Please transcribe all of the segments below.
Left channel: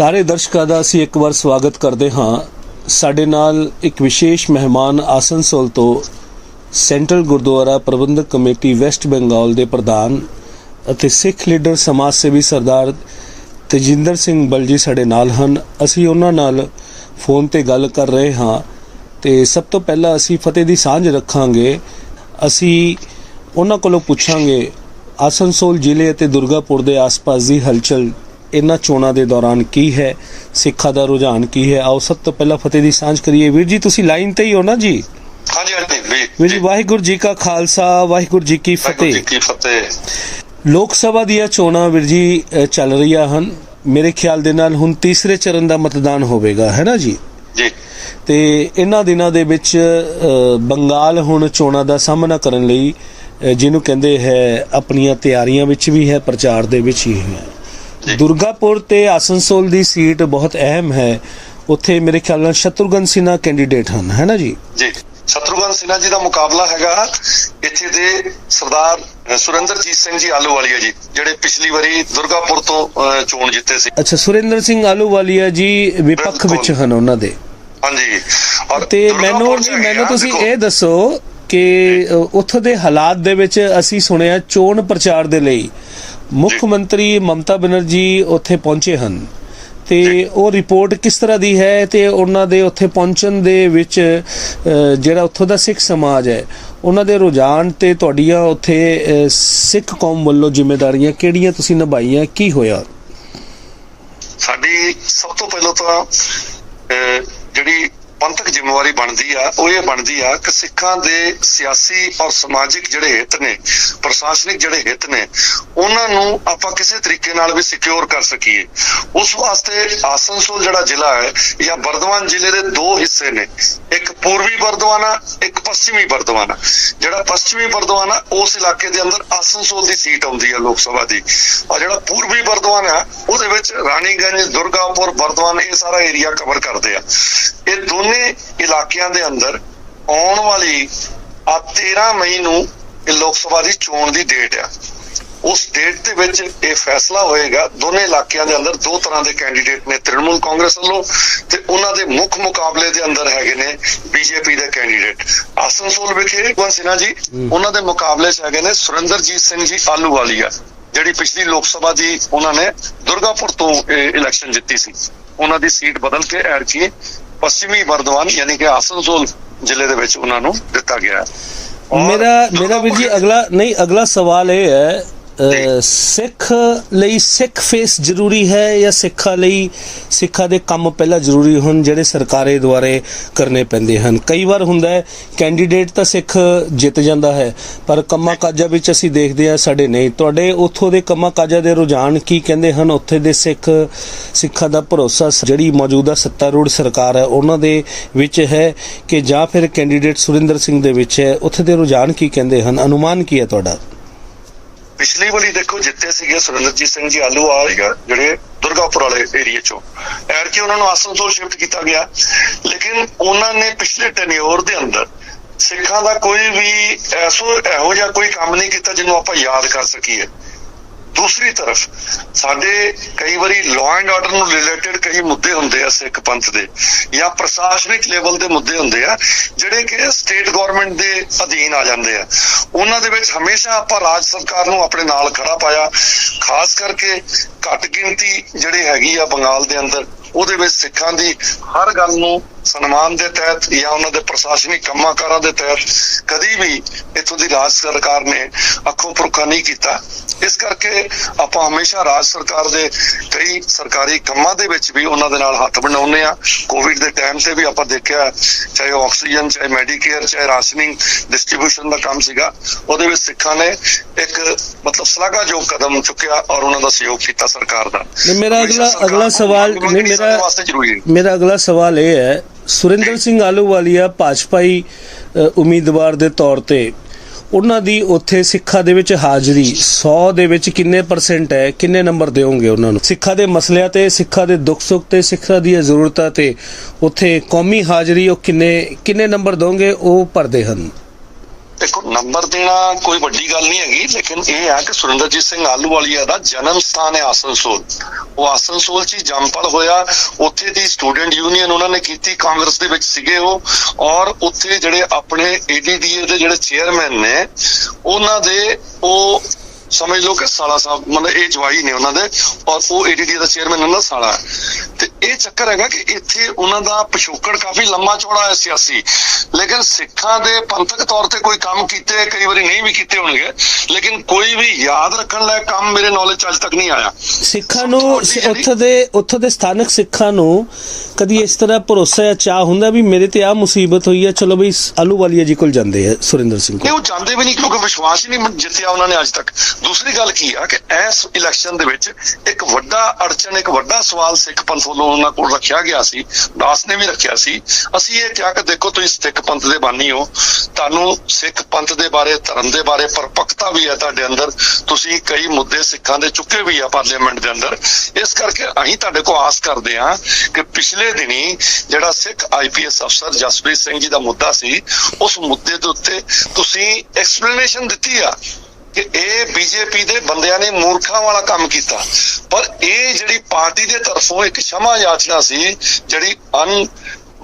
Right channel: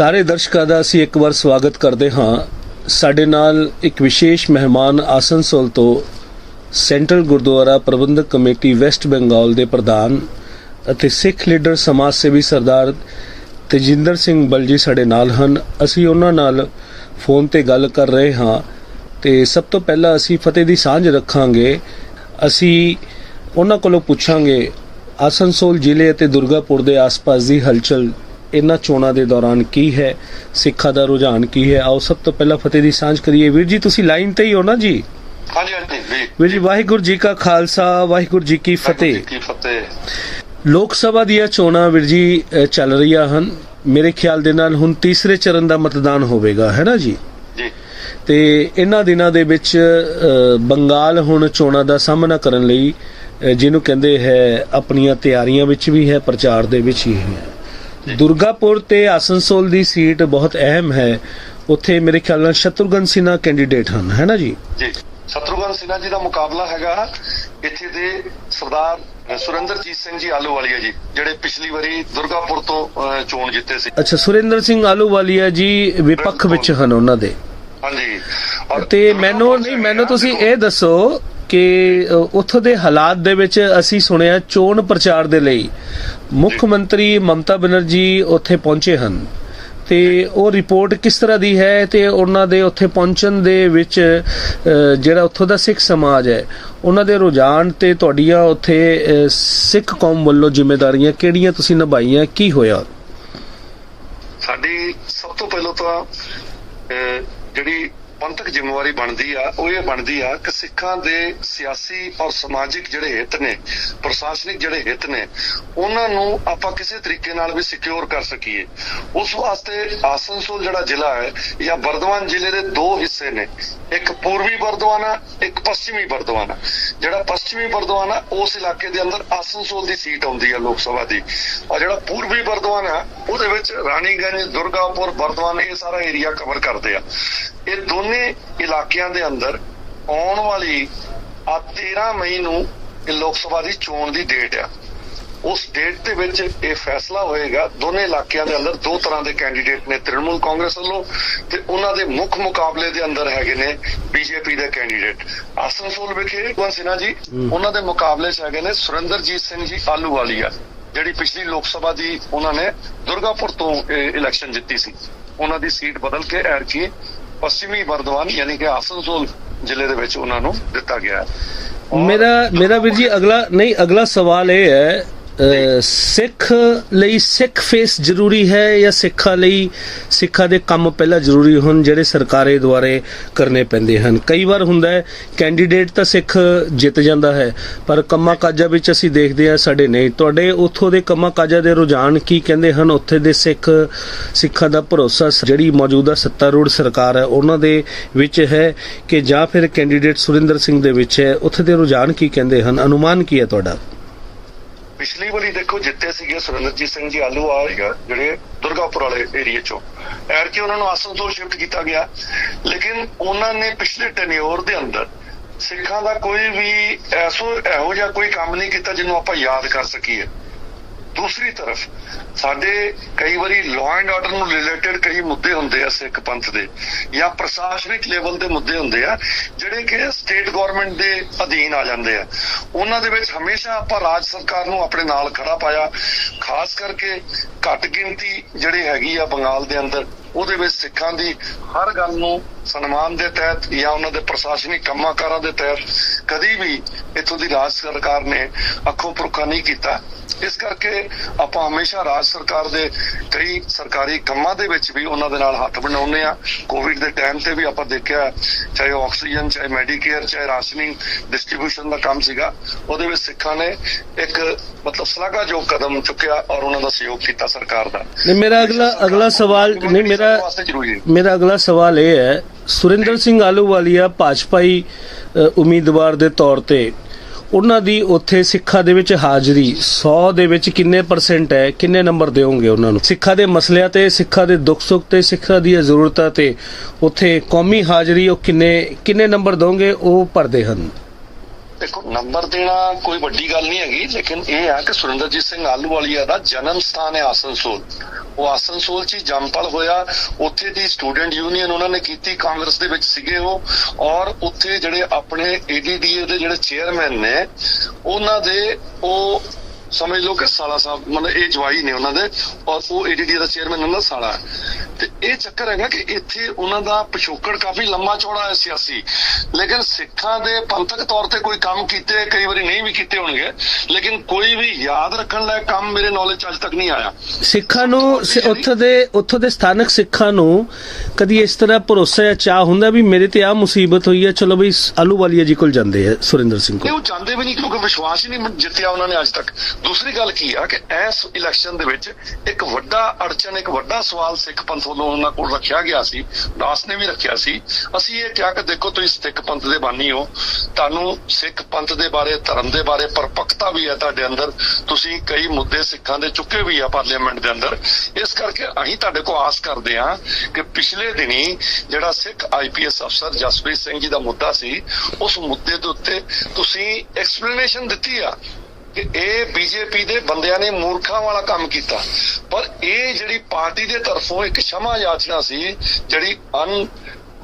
ਸਾਰੇ ਦਰਸ਼ਕਾਂ ਦਾ ਅਸੀਂ ਇੱਕ ਵਾਰ ਸਵਾਗਤ ਕਰਦੇ ਹਾਂ। ਸਾਡੇ ਨਾਲ ਇੱਕ ਵਿਸ਼ੇਸ਼ ਮਹਿਮਾਨ ਆਸਨਸੋਲ ਤੋਂ central Gurdwara Prabandhak committee West Bengal ਦੇ ਪ੍ਰਧਾਨ ਅਤੇ ਸਿੱਖ ਲੀਡਰ ਸਮਾਜ ਸੇਵੀ ਸਰਦਾਰ ਤੇਜਿੰਦਰ ਸਿੰਘ ਬਲਜੀ ਸਾਡੇ ਨਾਲ ਹਨ। ਅਸੀਂ ਉਹਨਾਂ ਨਾਲ ਫੋਨ ਤੇ ਗੱਲ ਕਰ ਰਹੇ ਹਾਂ ਤੇ ਸਭ ਤੋਂ ਪਹਿਲਾਂ ਅਸੀਂ ਫਤਿਹ ਦੀ ਸਾਂਝ ਰੱਖਾਂਗੇ। ਅਸੀਂ ਉਹਨਾਂ ਕੋਲੋਂ ਪੁੱਛਾਂਗੇ, ਆਸਨਸੋਲ ਜ਼ਿਲ੍ਹੇ ਅਤੇ ਦੁਰਗਾਪੁਰ ਦੇ ਆਸ-ਪਾਸ ਦੀ ਹਲਚਲ ਇਹਨਾਂ ਚੋਣਾਂ ਦੇ ਦੌਰਾਨ ਕੀ ਹੈ? ਸਿੱਖਾਂ ਦਾ ਰੁਝਾਨ ਕੀ ਹੈ? ਆਓ ਸਭ ਤੋਂ ਪਹਿਲਾਂ ਫਤਿਹ ਦੀ ਸਾਂਝ ਕਰੀਏ। ਵੀਰ ਜੀ ਤੁਸੀਂ ਲਾਈਨ ਤੇ ਹੀ ਹੋ ਨਾ ਜੀ? ਹਾਂਜੀ ਵੀਰ ਜੀ ਵਾਹਿਗੁਰੂ ਜੀ ਕਾ ਖਾਲਸਾ ਵਾਹਿਗੁਰੂ ਜੀ ਕੀ ਫਤਿਹ। ਲੋਕ ਸਭਾ ਦੀਆਂ ਚੋਣਾਂ ਵੀਰ ਜੀ ਚੱਲ ਰਹੀਆਂ ਹਨ। ਮੇਰੇ ਖਿਆਲ ਦੇ ਨਾਲ ਹੁਣ ਤੀਸਰੇ ਚਰਨ ਦਾ ਮਤਦਾਨ ਹੋਵੇਗਾ ਹੈ ਨਾ ਜੀ? ਜੀ। ਤੇ ਇਹਨਾਂ ਦਿਨਾਂ ਦੇ ਵਿੱਚ ਬੰਗਾਲ ਹੁਣ ਚੋਣਾਂ ਦਾ ਸਾਹਮਣਾ ਕਰਨ ਲਈ ਜਿਹਨੂੰ ਕਹਿੰਦੇ ਹੈ ਆਪਣੀਆਂ ਤਿਆਰੀਆਂ ਵਿੱਚ ਵੀ ਹੈ ਪ੍ਰਚਾਰ ਦੇ ਵਿੱਚ ਹੀ ਹੈ। ਦੁਰਗਾਪੁਰ ਤੇ ਆਸਨਸੋਲ ਦੀ ਸੀਟ ਬਹੁਤ ਅਹਿਮ ਹੈ। ਉੱਥੇ ਮੇਰੇ ਖਿਆਲ ਨਾਲ ਸ਼ਤਰੁਘਨ ਸਿਨਹਾ ਕੈਂਡੀਡੇਟ ਹਨ ਹੈ ਨਾ ਜੀ? ਜੀ। ਸ਼ਤਰੂਗਨ ਸਿਨਹਾ ਜੀ ਦਾ ਮੁਕਾਬਲਾ ਹੈਗਾ ਇੱਥੇ ਦੇ ਸਰਦਾਰ ਸੁਰਿੰਦਰਜੀਤ ਸਿੰਘ ਜੀ ਆਲੂਵਾਲੀਆ ਜੀ ਜਿਹੜੇ ਪਿਛਲੀ ਵਾਰੀ ਦੁਰਗਾਪੁਰ ਤੋਂ ਚੋਣ ਜਿੱਤੇ ਸੀ। ਅੱਛਾ ਸੁਰਿੰਦਰ ਸਿੰਘ ਆਲੂਵਾਲੀਆ ਜੀ ਵਿਪੱਖ ਵਿੱਚ ਹਨ ਉਹਨਾਂ ਦੇ। ਹਾਂਜੀ। ਤੇ ਮੈਨੂੰ ਨਹੀਂ ਮੈਨੂੰ ਤੁਸੀਂ ਇਹ ਦੱਸੋ ਕਿ ਉੱਥੋਂ ਦੇ ਹਾਲਾਤ ਦੇ ਵਿੱਚ ਅਸੀਂ ਸੁਣਿਆ ਚੋਣ ਪ੍ਰਚਾਰ ਦੇ ਲਈ ਮੁੱਖ। ਮੰਤਰੀ ਮਮਤਾ ਬਨਰਜੀ ਉੱਥੇ ਪਹੁੰਚੇ ਹਨ ਤੇ ਉਹ ਰਿਪੋਰਟ ਕਿਸ ਤਰ੍ਹਾਂ ਦੀ ਹੈ ਤੇ ਉਹਨਾਂ ਦੇ ਉੱਥੇ ਪਹੁੰਚਣ ਦੇ ਵਿੱਚ ਜਿਹੜਾ ਉੱਥੋਂ ਦਾ ਸਿੱਖ ਸਮਾਜ ਹੈ ਉਹਨਾਂ ਦੇ ਰੁਝਾਨ ਤੇ ਤੁਹਾਡੀਆਂ ਉੱਥੇ ਸਿੱਖ ਕੌਮ ਵੱਲੋਂ ਜ਼ਿੰਮੇਵਾਰੀਆਂ ਕਿਹੜੀਆਂ ਤੁਸੀਂ ਨਿਭਾਈਆਂ ਕੀ ਹੋਇਆ ਸਾਡੀ ਸਭ ਤੋਂ ਪਹਿਲਾਂ ਤਾਂ ਜਿਹੜੀ ਪੰਥਕ ਜ਼ਿੰਮੇਵਾਰੀ ਬਣਦੀ ਆ, ਉਹ ਇਹ ਬਣਦੀ ਆ ਕਿ ਸਿੱਖਾਂ ਦੇ ਸਿਆਸੀ ਔਰ ਸਮਾਜਿਕ ਜਿਹੜੇ ਹਿੱਤ ਨੇ, ਪ੍ਰਸ਼ਾਸਨਿਕ ਜਿਹੜੇ ਹਿੱਤ ਨੇ, ਉਹਨਾਂ ਨੂੰ ਆਪਾਂ ਕਿਸੇ ਤਰੀਕੇ ਨਾਲ ਵੀ ਸਿਕਿਉਰ ਕਰ ਸਕੀਏ। ਉਸ ਵਾਸਤੇ ਆਸਨਸੋਲ ਜਿਹੜਾ ਜ਼ਿਲ੍ਹਾ ਹੈ, ਜਾਂ ਬਰਦਵਾਨ ਜ਼ਿਲ੍ਹੇ ਦੇ ਦੋ ਹਿੱਸੇ ਨੇ। ਇੱਕ ਪੂਰਬੀ ਬਰਦਵਾਨ ਆ, ਇੱਕ ਪੱਛਮੀ ਬਰਦਵਾਨ ਜਿਹੜਾ ਪੱਛਮੀ ਬਰਦਵਾਨ ਉਸ ਇਲਾਕੇ ਦੇ ਅੰਦਰ ਆਸਨਸੋਲ ਦੀ ਸੀਟ ਆਉਂਦੀ ਹੈ ਲੋਕ ਸਭਾ ਦੀ। ਔਰ ਜਿਹੜਾ ਪੂਰਬੀ ਬਰਦਵਾਨ ਆ, ਉਹਦੇ ਵਿੱਚ ਰਾਣੀਗੰਜ, ਦੁਰਗਾਪੁਰ ਬਰਦਵਾਨ ਇਹ ਸਾਰਾ ਏਰੀਆ ਕਵਰ ਕਰਦੇ ਆ। ਇਹ ਦੋਨੋਂ ਇਲਾਕਿਆਂ ਦੇ ਅੰਦਰ ਆਉਣ ਵਾਲੀ ਆ 13 ਮਈ ਨੂੰ ਇਹ ਲੋਕ ਸਭਾ ਦੀ ਚੋਣ ਦੀ ਡੇਟ ਆ। ਉਸ ਡੇਟ ਦੇ ਵਿੱਚ ਇਹ ਫੈਸਲਾ ਹੋਏਗਾ ਦੋਨੇ ਇਲਾਕਿਆਂ ਦੇ ਅੰਦਰ ਦੋ ਤਰ੍ਹਾਂ ਦੇ ਕੈਂਡੀਡੇਟ ਨੇ ਤ੍ਰਿਣਮੂਲ ਕਾਂਗਰਸ ਵੱਲੋਂ ਤੇ ਉਹਨਾਂ ਦੇ ਮੁੱਖ ਮੁਕਾਬਲੇ ਦੇ ਅੰਦਰ ਹੈਗੇ ਨੇ ਬੀਜੇਪੀ ਦੇ ਕੈਂਡੀਡੇਟ ਆਸਨਸੋਲ ਵਿਖੇ ਭਗਵੰਤ ਸਿਨਹਾ ਜੀ ਉਹਨਾਂ ਦੇ ਮੁਕਾਬਲੇ 'ਚ ਹੈਗੇ ਨੇ ਸੁਰਿੰਦਰਜੀਤ ਸਿੰਘ ਜੀ ਆਲੂਵਾਲੀਆ ਜਿਹੜੀ ਪਿਛਲੀ ਲੋਕ ਸਭਾ ਦੀ ਉਹਨਾਂ ਨੇ ਦੁਰਗਾਪੁਰ ਤੋਂ ਇਲੈਕਸ਼ਨ ਜਿੱਤੀ ਸੀ। ਉਹਨਾਂ ਦੀ ਸੀਟ ਬਦਲ ਕੇ ਐਰਕੀ ਪੱਛਮੀ ਬਰਦਵਾਨ ਯਾਨੀ ਕਿ ਆਸਨਸੋਲ ਜ਼ਿਲ੍ਹੇ ਦੇ ਵਿੱਚ ਉਹਨਾਂ ਨੂੰ ਦਿੱਤਾ ਗਿਆ ਮੇਰਾ ਮੇਰਾ ਵੀਰ ਜੀ, ਅਗਲਾ ਨਹੀਂ, ਅਗਲਾ ਸਵਾਲ ਇਹ ਹੈ ਸਿੱਖ ਲਈ ਸਿੱਖ ਫੇਸ ਜ਼ਰੂਰੀ ਹੈ ਜਾਂ ਸਿੱਖਾਂ ਲਈ ਸਿੱਖਾਂ ਦੇ ਕੰਮ ਪਹਿਲਾਂ ਜ਼ਰੂਰੀ ਹੋਣ ਜਿਹੜੇ ਸਰਕਾਰੇ ਦੁਆਰੇ ਕਰਨੇ ਪੈਂਦੇ ਹਨ? ਕਈ ਵਾਰ ਹੁੰਦਾ ਹੈ ਕੈਂਡੀਡੇਟ ਤਾਂ ਸਿੱਖ ਜਿੱਤ ਜਾਂਦਾ ਹੈ ਪਰ ਕੰਮਾਂ ਕਾਜਾਂ ਵਿੱਚ ਅਸੀਂ ਦੇਖਦੇ ਹਾਂ ਸਾਡੇ ਨਹੀਂ। ਤੁਹਾਡੇ ਉੱਥੋਂ ਦੇ ਕੰਮਾਂ ਕਾਜਾਂ ਦੇ ਰੁਝਾਨ ਕੀ ਕਹਿੰਦੇ ਹਨ? ਉੱਥੇ ਦੇ ਸਿੱਖ ਸਿੱਖਾਂ ਦਾ ਭਰੋਸਾ ਜਿਹੜੀ ਮੌਜੂਦਾ ਸੱਤਾਰੂੜ ਸਰਕਾਰ ਹੈ ਉਹਨਾਂ ਦੇ ਵਿੱਚ ਹੈ ਕਿ ਜਾਂ ਫਿਰ ਕੈਂਡੀਡੇਟ ਸੁਰਿੰਦਰ ਸਿੰਘ ਦੇ ਵਿੱਚ ਹੈ? ਉੱਥੇ ਦੇ ਰੁਝਾਨ ਕੀ ਕਹਿੰਦੇ ਹਨ? ਅਨੁਮਾਨ ਕੀ ਹੈ ਤੁਹਾਡਾ? ਪਿਛਲੀ ਵਾਰੀ ਦੇਖੋ ਜਿੱਤੇ ਸੀਗੇ ਸੁਰਿੰਦਰਜੀਤ ਸਿੰਘ ਜੀ ਆਲੂ ਆਏਗਾ ਜਿਹੜੇ ਦੁਰਗਾਪੁਰ ਵਾਲੇ ਏਰੀਆ ਚੋਂ। ਐਰ ਕਿ ਉਹਨਾਂ ਨੂੰ ਆਸਨਸੋਲ ਸ਼ਿਫਟ ਕੀਤਾ ਗਿਆ। ਲੇਕਿਨ ਉਹਨਾਂ ਨੇ ਪਿਛਲੇ ਟੈਨਿਓਰ ਦੇ ਅੰਦਰ ਸਿੱਖਾਂ ਦਾ ਕੋਈ ਵੀ ਐਸੋ ਇਹੋ ਜਿਹਾ ਕੋਈ ਕੰਮ ਨਹੀਂ ਕੀਤਾ ਜਿਹਨੂੰ ਆਪਾਂ ਯਾਦ ਕਰ ਸਕੀਏ। ਦੂਸਰੀ ਤਰਫ, ਸਾਡੇ ਕਈ ਵਾਰੀ ਲਾਅ ਐਂਡ ਆਰਡਰ ਨੂੰ ਰਿਲੇਟਡ ਕਈ ਮੁੱਦੇ ਹੁੰਦੇ ਆ ਸਿੱਖ ਪੰਥ ਦੇ ਜਾਂ ਪ੍ਰਸ਼ਾਸਨਿਕ ਲੈਵਲ ਦੇ ਮੁੱਦੇ ਹੁੰਦੇ ਆ, ਜਿਹੜੇ ਕਿ ਸਟੇਟ ਗਵਰਨਮੈਂਟ ਦੇ ਅਧੀਨ ਆ ਜਾਂਦੇ ਆ। ਉਹਨਾਂ ਦੇ ਵਿੱਚ ਹਮੇਸ਼ਾ ਆਪਾਂ ਰਾਜ ਸਰਕਾਰ ਨੂੰ ਆਪਣੇ ਨਾਲ ਖੜਾ ਪਾਇਆ, ਖਾਸ ਕਰਕੇ ਘੱਟ ਗਿਣਤੀ ਜਿਹੜੀ ਹੈਗੀ ਆ ਬੰਗਾਲ ਦੇ ਅੰਦਰ। ਉਹਦੇ ਵਿੱਚ ਸਿੱਖਾਂ ਦੀ ਹਰ ਗੱਲ ਨੂੰ ਸਨਮਾਨ ਦੇ ਤਹਿਤ ਜਾਂ ਉਹਨਾਂ ਦੇ ਪ੍ਰਸ਼ਾਸਨਿਕ ਕੰਮਾਂ ਕਾਰਾਂ ਦੇ ਤਹਿਤ ਕਦੀ ਵੀ ਇੱਥੋਂ ਦੀ ਰਾਜ ਸਰਕਾਰ ਨੇ ਅੱਖੋਂ ਪਰੋਖਾ ਨਹੀਂ ਕੀਤਾ। ਇਸ ਕਰਕੇ ਆਪਾਂ ਹਮੇਸ਼ਾ ਰਾਜ ਸਰਕਾਰ ਦੇ ਕਈ ਸਰਕਾਰੀ ਕੰਮਾਂ ਦੇ ਵਿੱਚ ਵੀ ਉਹਨਾਂ ਦੇ ਨਾਲ ਹੱਥ ਬਣਾਉਂਦੇ ਆ ਕੋਵਿਡ ਦੇ ਟਾਈਮ ਤੇ ਵੀ ਆਪਾਂ ਦੇਖਿਆ ਚਾਹੇ ਆਕਸੀਜਨ ਚਾਹੇ ਮੈਡੀਕੇਅਰ ਚਾਹੇ ਰਾਸ਼ਨਿੰਗ ਡਿਸਟ੍ਰੀਬਿਊਸ਼ਨ ਦਾ ਕੰਮ ਸੀਗਾ। ਉਹਦੇ ਵਿੱਚ ਸਿੱਖਾਂ ਨੇ ਇੱਕ ਮਤਲਬ ਸ਼ਲਾਘਾਯੋਗ ਕਦਮ ਚੁੱਕਿਆ ਔਰ ਉਹਨਾਂ ਦਾ ਸਹਿਯੋਗ ਕੀਤਾ ਸਰਕਾਰ ਦਾ। ਨਹੀਂ ਮੇਰਾ ਅਗਲਾ ਅਗਲਾ ਸਵਾਲ ਨਹੀਂ ਮੇਰਾ ਸਾਡੇ ਵਾਸਤੇ ਜ਼ਰੂਰੀ ਹੈ। ਮੇਰਾ ਅਗਲਾ ਸਵਾਲ ਇਹ ਹੈ ਸੁਰਿੰਦਰ ਸਿੰਘ ਆਲੂਵਾਲੀਆ ਭਾਜਪਾਈ ਉਮੀਦਵਾਰ ਦੇ ਤੌਰ ਤੇ ਉਹਨਾਂ ਦੀ ਉੱਥੇ ਸਿੱਖਾਂ ਦੇ ਵਿੱਚ ਹਾਜ਼ਰੀ 100 ਦੇ ਵਿੱਚ ਕਿੰਨੇ ਪਰਸੈਂਟ ਹੈ ਕਿੰਨੇ ਨੰਬਰ ਦਿਓਗੇ ਉਹਨਾਂ ਨੂੰ? ਸਿੱਖਾਂ ਦੇ ਮਸਲਿਆਂ ਤੇ ਸਿੱਖਾਂ ਦੇ ਦੁੱਖ ਸੁੱਖ ਤੇ ਸਿੱਖਾਂ ਦੀਆਂ ਜ਼ਰੂਰਤਾਂ ਤੇ ਉੱਥੇ ਕੌਮੀ ਹਾਜ਼ਰੀ ਉਹ ਕਿੰਨੇ ਕਿੰਨੇ ਨੰਬਰ ਦੋਗੇ ਉਹ ਭਰਦੇ ਹਨ। ਦੇਖੋ, ਨੰਬਰ ਦੇਣਾ ਕੋਈ ਵੱਡੀ ਗੱਲ ਨਹੀਂ ਹੈਗੀ, ਲੇਕਿਨ ਇਹ ਹੈ ਕਿ ਸੁਰਿੰਦਰਜੀਤ ਸਿੰਘ ਆਲੂਵਾਲੀਆ ਦਾ ਜਨਮ ਸਥਾਨ ਹੈ ਆਸਨਸੋਲ। ਉਹ ਆਸਨਸੋਲ 'ਚ ਹੀ ਜੰਮਪਲ ਹੋਇਆ। ਉੱਥੇ ਦੀ ਸਟੂਡੈਂਟ ਯੂਨੀਅਨ ਉਹਨਾਂ ਨੇ ਕੀਤੀ, ਕਾਂਗਰਸ ਦੇ ਵਿੱਚ ਸੀਗੇ ਉਹ। ਔਰ ਉੱਥੇ ਜਿਹੜੇ ਆਪਣੇ ਏਡੀਡੀਏ ਦੇ ਜਿਹੜੇ ਚੇਅਰਮੈਨ ਨੇ, ਉਹਨਾਂ ਦੇ ਉਹ ਸਮਝ ਲਓ ਕਿ ਸਾਲਾ ਸਾਹਿਬ ਮਤਲਬ ਇਹ ਜਵਾਈ ਨੇ ਉਹਨਾਂ ਦੇ ਔਰ ਉਹ ਏਡੀਡੀ ਦਾ ਚੇਅਰਮੈਨ ਉਹਨਾਂ ਦਾ ਸਾਲਾ। ਤੇ ਇਹ ਚੱਕਰ ਹੈਗਾ ਕਿ ਇੱਥੇ ਉਹਨਾਂ ਦਾ ਪਿਛੋਕੜ ਕਾਫੀ ਲੰਮਾ ਚੌੜਾ ਹੈ ਸਿਆਸੀ। ਲੇਕਿਨ ਸਿੱਖਾਂ ਦੇ ਪੰਥਕ ਤੌਰ ਤੇ ਕੋਈ ਕੰਮ ਕੀਤੇ ਕਈ ਵਾਰੀ ਨਹੀਂ ਵੀ ਕੀਤੇ ਹੋਣਗੇ। ਲੇਕਿਨ ਕੋਈ ਵੀ ਯਾਦ ਰੱਖਣ ਲਾਇਕ ਕੰਮ ਮੇਰੇ ਨੌਲੇਜ ਚ ਅੱਜ ਤੱਕ ਨਹੀਂ ਆਇਆ। ਸਿੱਖਾਂ ਨੂੰ ਉੱਥੋਂ ਦੇ ਉੱਥੋਂ ਦੇ ਸਥਾਨਕ ਸਿੱਖਾਂ ਨੂੰ ਕਦੀ ਇਸ ਤਰ੍ਹਾਂ ਭਰੋਸਾ ਜਾਂ ਚਾਹ ਹੁੰਦਾ ਵੀ ਮੇਰੇ ਤੇ ਆ ਮੁਸੀਬਤ ਹੋਈ ਹੈ ਚਲੋ ਬਈ ਆਲੂਵਾਲੀਆ ਜੀ ਕੋਲ ਜਾਂਦੇ ਆ ਸੁਰਿੰਦਰ ਸਿੰਘ ਨਹੀਂ ਕੋਲ ਉਹ ਚਾਹੁੰਦੇ ਵੀ ਨਹੀਂ ਕਿਉਂਕਿ ਵਿਸ਼ਵਾਸ ਹੀ ਨਹੀਂ ਜਿੱਤਿਆ ਉਹਨਾਂ ਨੇ ਅੱਜ ਤੱਕ। ਦੂਸਰੀ ਗੱਲ ਕੀ ਆ ਕਿ ਇਸ ਇਲੈਕਸ਼ਨ ਦੇ ਵਿੱਚ ਇੱਕ ਵੱਡਾ ਅੜਚਨ, ਇੱਕ ਵੱਡਾ ਸਵਾਲ ਸਿੱਖ ਪੰਥ ਵੱਲੋਂ ਉਹਨਾਂ ਕੋਲ ਰੱਖਿਆ ਗਿਆ ਸੀ, ਦਾਸ ਨੇ ਵੀ ਰੱਖਿਆ ਸੀ। ਅਸੀਂ ਇਹ ਕਿਹਾ ਕਿ ਦੇਖੋ ਤੁਸੀਂ ਸਿੱਖ ਪੰਥ ਦੇ ਬਾਨੀ ਹੋ, ਤੁਹਾਨੂੰ ਸਿੱਖ ਪੰਥ ਦੇ ਬਾਰੇ, ਧਰਮ ਦੇ ਬਾਰੇ ਪਰਪੱਕਤਾ ਵੀ ਹੈ ਤੁਹਾਡੇ ਅੰਦਰ, ਤੁਸੀਂ ਕਈ ਮੁੱਦੇ ਸਿੱਖਾਂ ਦੇ ਚੁੱਕੇ ਵੀ ਆ ਪਾਰਲੀਮੈਂਟ ਦੇ ਅੰਦਰ। ਇਸ ਕਰਕੇ ਅਸੀਂ ਤੁਹਾਡੇ ਕੋਲ ਆਸ ਕਰਦੇ ਹਾਂ ਕਿ ਪਿਛਲੇ ਦਿਨੀ ਜਿਹੜਾ ਸਿੱਖ ਆਈਪੀਐਸ ਅਫਸਰ ਜਸਪ੍ਰੀਤ ਸਿੰਘ ਜੀ ਦਾ ਮੁੱਦਾ ਸੀ, ਉਸ ਮੁੱਦੇ ਦੇ ਉੱਤੇ ਤੁਸੀਂ ਐਕਸਪਲੇਨੇਸ਼ਨ ਦਿੱਤੀ ਆ। ਕਿ ਇਹ ਬੀਜੇਪੀ ਦੇ ਬੰਦਿਆਂ ਨੇ ਮੂਰਖਾਂ ਵਾਲਾ ਕੰਮ ਕੀਤਾ। ਪਰ ਇਹ ਜਿਹੜੀ ਪਾਰਟੀ ਦੇ ਤਰਫੋਂ ਇੱਕ ਸ਼ਮਾ ਯਾਚਨਾ ਸੀ, ਜਿਹੜੀ ਅਨ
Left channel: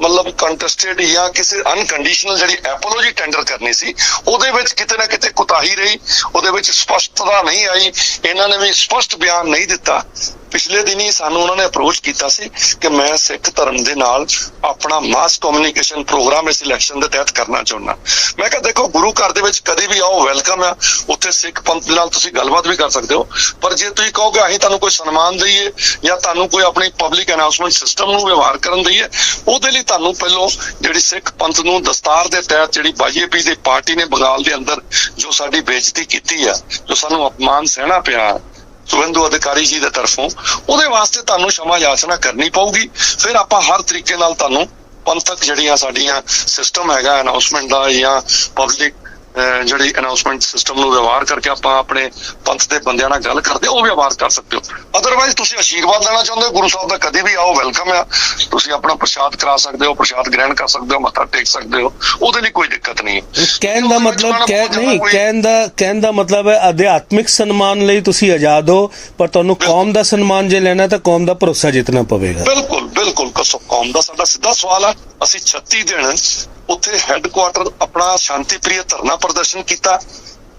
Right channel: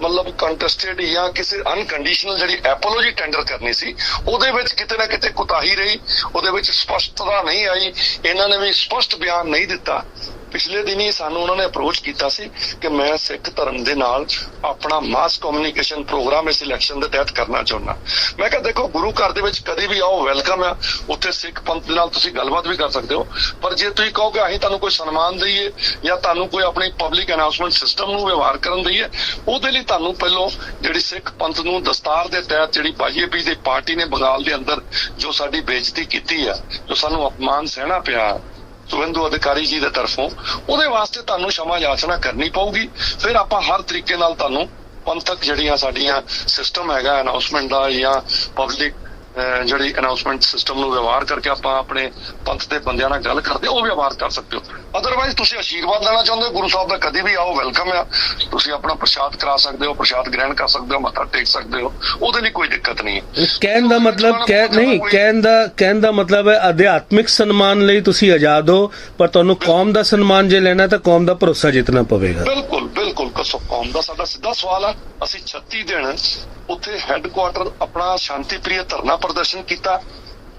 ਮਤਲਬ ਕੰਟੈਸਟਡ ਜਾਂ ਕਿਸੇ ਅਨਕੰਡੀਸ਼ਨਲ ਜਿਹੜੀ ਐਪੋਲੋਜੀ ਟੈਂਡਰ ਕਰਨੀ ਸੀ, ਉਹਦੇ ਵਿੱਚ ਕਿਤੇ ਨਾ ਕਿਤੇ ਕੁਤਾਹੀ ਰਹੀ, ਉਹਦੇ ਵਿੱਚ ਸਪਸ਼ਟਤਾ ਨਹੀਂ ਆਈ, ਇਹਨਾਂ ਨੇ ਵੀ ਸਪਸ਼ਟ ਬਿਆਨ ਨਹੀਂ ਦਿੱਤਾ। ਪਿਛਲੇ ਦਿਨੀ ਸਾਨੂੰ ਉਹਨਾਂ ਨੇ ਅਪਰੋਚ ਕੀਤਾ ਸੀ ਕਿ ਮੈਂ ਸਿੱਖ ਧਰਮ ਦੇ ਨਾਲ ਆਪਣਾ ਮਾਸ ਕਮਿਊਨੀਕੇਸ਼ਨ ਪ੍ਰੋਗਰਾਮ ਇਸ ਇਲੈਕਸ਼ਨ ਦੇ ਤਹਿਤ ਕਰਨਾ ਚਾਹੁੰਦਾ। ਮੈਂ ਕਿਹਾ, ਦੇਖੋ, ਗੁਰੂ ਘਰ ਦੇ ਵਿੱਚ ਕਦੀ ਵੀ ਆਓ ਵੈਲਕਮ ਆ। ਉੱਥੇ ਸਿੱਖ ਪੰਥ ਦੇ ਨਾਲ ਤੁਸੀਂ ਗੱਲਬਾਤ ਵੀ ਕਰ ਸਕਦੇ ਹੋ। ਪਰ ਜੇ ਤੁਸੀਂ ਕਹੋਗੇ, ਅਸੀਂ ਤੁਹਾਨੂੰ ਕੋਈ ਸਨਮਾਨ ਦਈਏ ਜਾਂ ਤੁਹਾਨੂੰ ਕੋਈ ਆਪਣੀ ਪਬਲਿਕ ਅਨਾਉਂਸਮੈਂਟ ਸਿਸਟਮ ਨੂੰ ਵਿਵਹਾਰ ਕਰਨ ਦਈਏ, ਉਹਦੇ ਲਈ ਤੁਹਾਨੂੰ ਪਹਿਲਾਂ ਜਿਹੜੀ ਸਿੱਖ ਪੰਥ ਨੂੰ ਦਸਤਾਰ ਦੇ ਤਹਿਤ ਜਿਹੜੀ ਬੀਜੇਪੀ ਦੀ ਪਾਰਟੀ ਨੇ ਬੰਗਾਲ ਦੇ ਅੰਦਰ ਜੋ ਸਾਡੀ ਬੇਇੱਜ਼ਤੀ ਕੀਤੀ ਆ, ਜੋ ਸਾਨੂੰ ਅਪਮਾਨ ਸਹਿਣਾ ਪਿਆ ਸੁਵੰਧੂ ਅਧਿਕਾਰੀ ਜੀ ਦੇ ਤਰਫੋਂ ਉਹਦੇ ਵਾਸਤੇ ਤੁਹਾਨੂੰ ਸਮਾਂ ਯਾਚਨਾ ਕਰਨੀ ਪਊਗੀ। ਫਿਰ ਆਪਾਂ ਹਰ ਤਰੀਕੇ ਨਾਲ ਤੁਹਾਨੂੰ ਪੰਥਕ ਜਿਹੜੀਆਂ ਸਾਡੀਆਂ ਸਿਸਟਮ ਹੈਗਾ ਅਨਾਉਂਸਮੈਂਟ ਦਾ ਜਾਂ ਪਬਲਿਕ ਜਿਹੜੀ ਅਨਾਉਂਸਮੈਂਟ ਸਿਸਟਮ ਨੂੰ ਵਿਵਹਾਰ ਕਰਕੇ ਆਪਾਂ ਆਪਣੇ ਪੰਥ ਦੇ ਬੰਦਿਆਂ ਨਾਲ ਗੱਲ ਕਰਦੇ ਉਹ ਵਿਵਹਾਰ ਕਰ ਸਕਦੇ ਹੋ। ਅਦਰਵਾਈਜ਼ ਤੁਸੀਂ ਆਸ਼ੀਰਵਾਦ ਲੈਣਾ ਚਾਹੁੰਦੇ ਹੋ ਗੁਰੂ ਸਾਹਿਬ ਦਾ ਕਦੇ ਵੀ ਆਓ ਵੈਲਕਮ ਆ। ਤੁਸੀਂ ਆਪਣਾ ਪ੍ਰਸ਼ਾਦ ਕਰਾ ਸਕਦੇ ਹੋ ਪ੍ਰਸ਼ਾਦ ਗ੍ਰਹਿਣ ਕਰ ਸਕਦੇ ਹੋ ਮੱਥਾ ਟੇਕ ਸਕਦੇ ਹੋ ਉਹਦੇ ਲਈ ਕੋਈ ਦਿੱਕਤ ਨਹੀਂ ਹੈ। ਕਹਿਣ ਦਾ ਮਤਲਬ ਕਹਿ ਨਹੀਂ ਕਹਿਣ ਦਾ ਕਹਿਣ ਦਾ ਮਤਲਬ ਹੈ ਅਧਿਆਤਮਿਕ ਸਨਮਾਨ ਲਈ ਤੁਸੀਂ ਆਜ਼ਾਦ ਹੋ ਪਰ ਤੁਹਾਨੂੰ ਕੌਮ ਦਾ ਸਨਮਾਨ ਜੇ ਲੈਣਾ ਤਾਂ ਕੌਮ ਦਾ ਭਰੋਸਾ ਜਿੱਤਣਾ ਪਵੇਗਾ। ਬਿਲਕੁਲ ਬਿਲਕੁਲ ਕਸੋ। ਕੌਮ ਦਾ ਸਾਡਾ ਸਿੱਧਾ ਸਵਾਲ ਆ। ਅਸੀਂ 36 ਦਿਨ ਉੱਥੇ ਹੈੱਡਕੁਆਰਟਰ ਆਪਣਾ ਸ਼ਾਂਤੀਪ੍ਰਿਯ ਧਰਨਾ ਪ੍ਰਦਰਸ਼ਨ ਕੀਤਾ।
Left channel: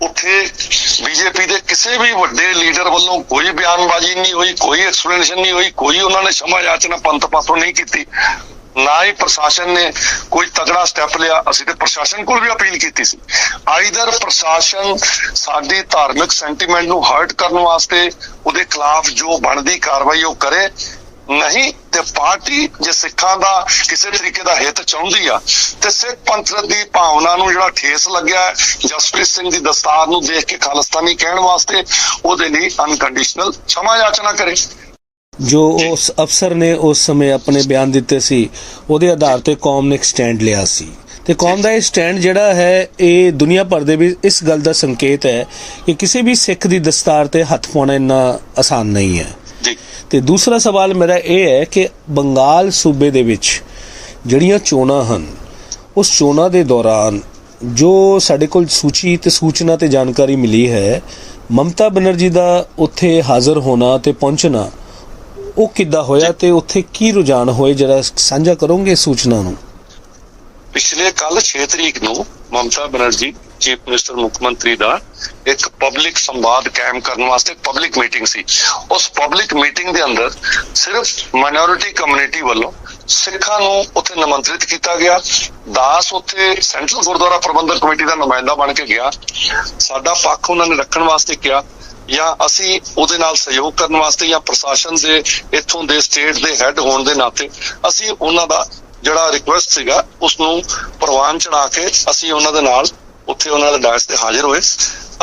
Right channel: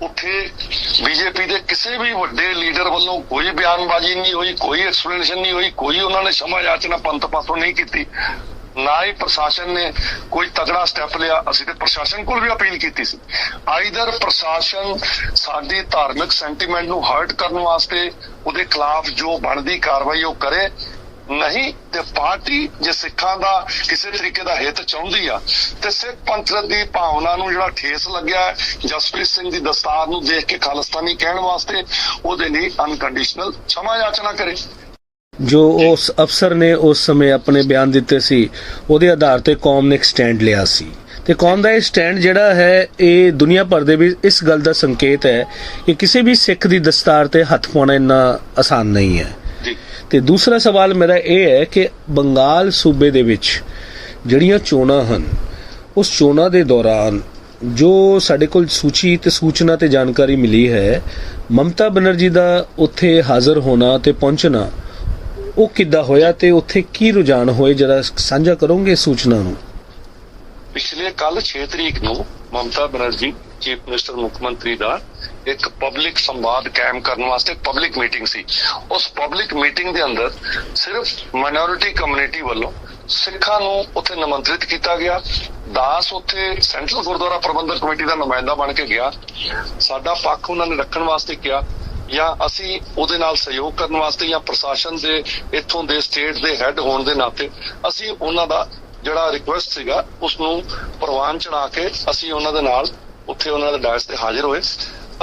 ਉੱਥੇ ਬੀਜੇਪੀ ਦੇ ਕਿਸੇ ਵੀ ਵੱਡੇ ਲੀਡਰ ਵੱਲੋਂ ਕੋਈ ਬਿਆਨਬਾਜ਼ੀ ਨਹੀਂ ਹੋਈ, ਕੋਈ ਐਕਸਪਲੇਨੇਸ਼ਨ ਨਹੀਂ ਹੋਈ, ਕੋਈ ਉਹਨਾਂ ਨੇ ਸ਼ਮਾ ਯਾਚਨਾ ਪੰਥ ਪਾਸੋਂ ਨਹੀਂ ਕੀਤੀ। ਨਾ ਹੀ ਪ੍ਰਸ਼ਾਸਨ ਨੇ ਕੋਈ ਤਗੜਾ ਸਟੈਪ ਲਿਆ। ਅਸੀਂ ਤੇ ਪ੍ਰਸ਼ਾਸਨ ਕੋਲ ਵੀ ਅਪੀਲ ਕੀਤੀ ਸੀ। ਆਈਦਰ ਪ੍ਰਸ਼ਾਸਨ ਸਾਡੀ ਧਾਰਮਿਕ ਸੈਂਟੀਮੈਂਟ ਨੂੰ ਹਰਟ ਕਰਨ ਵਾਸਤੇ ਉਹਦੇ ਖਿਲਾਫ ਜੋ ਬਣਦੀ ਕਾਰਵਾਈ ਉਹ ਕਰੇ ਨਹੀਂ, ਤੇ ਪਾਰਟੀ ਜੇ ਸਿੱਖਾਂ ਦਾ ਕਿਸੇ ਤਰੀਕੇ ਦਾ ਹਿੱਤ ਚਾਹੁੰਦੀ ਆ, ਤੇ ਸਿੱਖ ਪੰਥ ਦੀ ਭਾਵਨਾ ਨੂੰ ਜਿਹੜਾ ਠੇਸ ਲੱਗਿਆ ਜਸਪ੍ਰੀਤ ਸਿੰਘ ਦੀ ਦਸਤਾਰ ਨੂੰ ਦੇਖ ਕੇ ਖਾਲਸਤਾਨੀ ਕਹਿਣ ਵਾਸਤੇ, ਉਹਦੇ ਲਈ ਅਨਕੰਡੀਸ਼ਨਲ ਛਮਾ ਯਾਚਨਾ ਕਰੇ। ਜੋ ਉਸ ਅਫਸਰ ਨੇ ਉਸ ਸਮੇਂ ਆਪਣੇ ਬਿਆਨ ਦਿੱਤੇ ਸੀ, ਉਹਦੇ ਆਧਾਰ ਤੇ ਕੌਮ ਨੇ ਸਟੈਂਡ ਲਿਆ ਸੀ। ਤੇ ਕੌਮ ਦਾ ਇਹ ਸਟੈਂਡ ਜਿਹੜਾ ਹੈ, ਇਹ ਦੁਨੀਆ ਭਰ ਦੇ ਵਿੱਚ ਇਸ ਗੱਲ ਦਾ ਸੰਕੇਤ ਹੈ ਕਿ ਕਿਸੇ ਵੀ ਸਿੱਖ ਦੀ ਦਸਤਾਰ ਤੇ ਹੱਥ ਪਾਉਣਾ ਇੰਨਾ ਆਸਾਨ ਨਹੀਂ ਹੈ। ਤੇ ਦੂਸਰਾ ਸਵਾਲ ਮੇਰਾ ਇਹ ਹੈ ਕਿ ਬੰਗਾਲ ਸੂਬੇ ਦੇ ਵਿੱਚ ਜਿਹੜੀਆਂ ਚੋਣਾਂ ਹਨ, ਉਸ ਚੋਣਾਂ ਦੇ ਦੌਰਾਨ ਜੋ ਸਾਡੇ ਕੋਲ ਸੂਚੀ ਤੇ ਸੂਚਨਾ ਤੇ ਜਾਣਕਾਰੀ ਮਿਲੀ ਹੈ, ਮਮਤਾ ਬਨਰਜੀ ਦਾ ਉੱਥੇ ਹਾਜ਼ਰ ਹੋਣਾ ਤੇ ਪਹੁੰਚਣਾ, ਉਹ ਕਿੱਦਾਂ ਹੋਇਆ ਤੇ ਉੱਥੇ ਕੀ ਰੁਝਾਨ ਹੋਏ, ਜਰਾ ਸਾਂਝਾ ਕਰੋਗੇ ਸੂਚਨਾ ਨੂੰ? ਪਿਛਲੇ ਕੱਲ 6 ਤਰੀਕ ਨੂੰ ਮਮਤਾ ਬਨਰਜੀ ਚੀਫ ਮਿਨਿਸਟਰ ਮੁੱਖ ਮੰਤਰੀ ਦਾ ਇੱਕ ਪਬਲਿਕ ਸੰਵਾਦ ਕਾਇਮ ਕਰਨ ਵਾਸਤੇ ਪਬਲਿਕ ਮੀਟਿੰਗ ਸੀ। ਉਸ ਪਬਲਿਕ ਮੀਟਿੰਗ ਦੇ ਅੰਦਰ ਸਿਰਫ ਮਾਈਨੋਰਿਟੀ ਕਮਿਊਨਿਟੀ ਵੱਲੋਂ ਸਿੱਖਾਂ ਨੂੰ ਉੱਥੇ ਨਿਮੰਤਰਿਤ ਕੀਤਾ ਗਿਆ। ਦਾਸ ਉੱਥੇ ਸੈਂਟਰਲ ਗੁਰਦੁਆਰਾ ਪ੍ਰਬੰਧਕ ਕਮੇਟੀ ਦਾ ਨੁਮਾਇੰਦਾ ਬਣ ਕੇ ਗਿਆ। ਸਾਡਾ ਪੱਖ ਉਹਨਾਂ ਨੇ ਰੱਖਣ ਵਾਸਤੇ ਕਿਹਾ ਜਾਂ ਅਸੀਂ ਉਹਦੇ ਨਾਲ ਸਹਿਯੋਗ ਕਰਨ ਵਾਸਤੇ ਜਾਂ ਪ੍ਰਸ਼ਾਸਨ ਦੇ ਇੱਥੋਂ ਦੇ ਸਟੇਟ ਦੇ ਹੈੱਡ ਹੋਣ ਦੇ ਨਾਤੇ ਅਸੀਂ ਉਹਨਾਂ ਦਾ ਜਿਹੜਾ ਰਿਕੁਐਸਟ ਸੀਗਾ ਉਸ ਨੂੰ ਪ੍ਰਵਾਨ ਚੜਾ ਕੇ ਅਸੀਂ ਉਹਨਾਂ ਦੇ ਨਾਲ ਉੱਥੇ ਉਹਨਾਂ ਦੇ ਡਾਇਸ ਤੇ ਹਾਜ਼ਰ ਹੋਏ।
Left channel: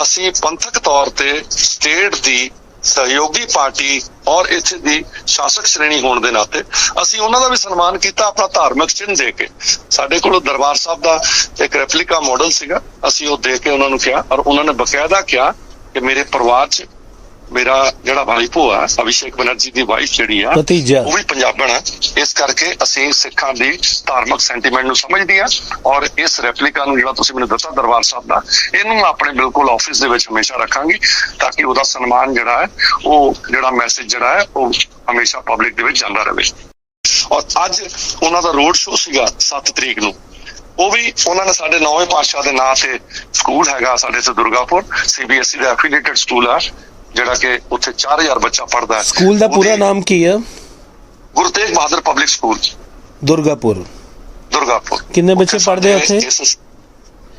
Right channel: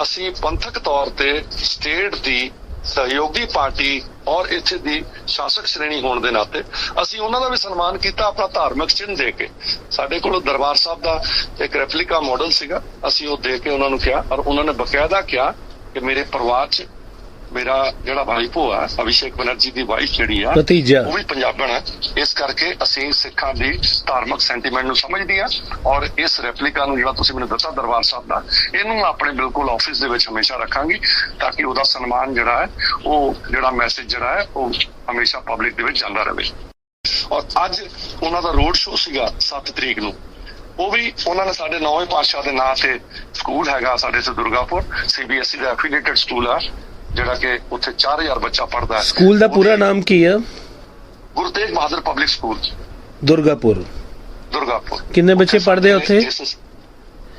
ਅਸੀਂ ਪੰਥਕ ਤੌਰ ਤੇ ਸਟੇਟ ਦੀ ਸਹਿਯੋਗੀ ਪਾਰਟੀ ਔਰ ਇੱਥੇ ਦੀ ਸ਼ਾਸਕ ਸ਼੍ਰੇਣੀ ਹੋਣ ਦੇ ਨਾਤੇ ਅਸੀਂ ਉਹਨਾਂ ਦਾ ਵੀ ਸਨਮਾਨ ਕੀਤਾ ਆਪਣਾ ਧਾਰਮਿਕ ਚਿੰਨ੍ਹ ਦੇ ਕੇ। ਸਾਡੇ ਕੋਲ ਦਰਬਾਰ ਸਾਹਿਬ ਦਾ ਇੱਕ ਰੈਪਲੀਕਾ ਮਾਡਲ ਸੀਗਾ। ਅਸੀਂ ਉਹ ਦੇ ਕੇ ਉਹਨਾਂ ਨੂੰ ਕਿਹਾ ਔਰ ਉਹਨਾਂ ਨੇ ਬਕਾਇਦਾ ਕਿਹਾ ਕਿ ਮੇਰੇ ਪਰਿਵਾਰ 'ਚ ਮੇਰਾ ਜਿਹੜਾ ਵਾਈਫੋ ਆ ਅਭਿਸ਼ੇਕ ਬਨਰਜੀ ਦੀ ਵਾਈਫ ਜਿਹੜੀ ਆ ਉਹ ਵੀ ਪੰਜਾਬਣ ਆ ਇਸ ਕਰਕੇ ਅਸੀਂ ਸਿੱਖਾਂ ਦੀ ਧਾਰਮਿਕ ਸੈਂਟੀਮੈਂਟ ਨੂੰ ਸਮਝਦੇ ਆ ਔਰ ਇਸ ਰੈਪਲੀਕਾ ਨੂੰ ਜਿਹੜਾ ਤੁਸੀਂ ਮੈਨੂੰ ਦਿੱਤਾ ਦਰਬਾਰ ਸਾਹਿਬ ਦਾ ਇਹਨੂੰ ਆਪਣੇ ਬਿਲਕੁਲ ਆਫਿਸ ਦੇ ਵਿੱਚ ਹਮੇਸ਼ਾ ਰੱਖਾਂਗੀ ਤਾਂ ਕਿ ਉਹਦਾ ਸਨਮਾਨ ਜਿਹੜਾ ਹੈ ਉਹ ਜਿਹੜਾ ਮੈਸੇਜ ਜਿਹੜਾ ਹੈ ਉਹ ਹਮੇਸ਼ਾ ਪਬਲਿਕ ਦੇ ਵਿੱਚ ਜਾਂਦਾ ਰਹੇ। ਔਰ ਅੱਜ ਉਹਨਾਂ ਦਾ ਰੋਡ ਸ਼ੋਅ ਸੀਗਾ 7 ਤਰੀਕ ਨੂੰ। ਉਹ ਵੀ ਉਹਨਾਂ ਨੇ ਸਾਡੇ ਨੌਵੇਂ ਪਾਤਸ਼ਾਹ ਦੇ ਨਾਂ ਤੇ ਸਕੂਲ ਹੈਗਾ ਸਾਡੇ ਤੇ ਦੁਰਗਾਪੁਰ ਸੀਬੀਐਸਈ ਦਾ ਐਫੀਲੀਏਟਡ ਸਕੂਲ ਆ। ਜਿਹੜਾ ਕਿ ਉੱਥੇ 4000 ਬੱਚਾ ਪੜਦਾ ਸਕੂਲ ਦਾ ਪੂਰਾ ਨਾਮ ਕੀ ਹੈ ਗੁਰੂ ਤੇਗ ਬਹਾਦਰ ਪਬਲਿਕ ਸਕੂਲ ਦੁਰਗਾਪੁਰ। ਦੁਰਗਾਪੁਰ। ਕਿੰਨੇ ਬੱਚੇ ਪੜ੍ਹਦੇ ਆ ਉੱਥੇ?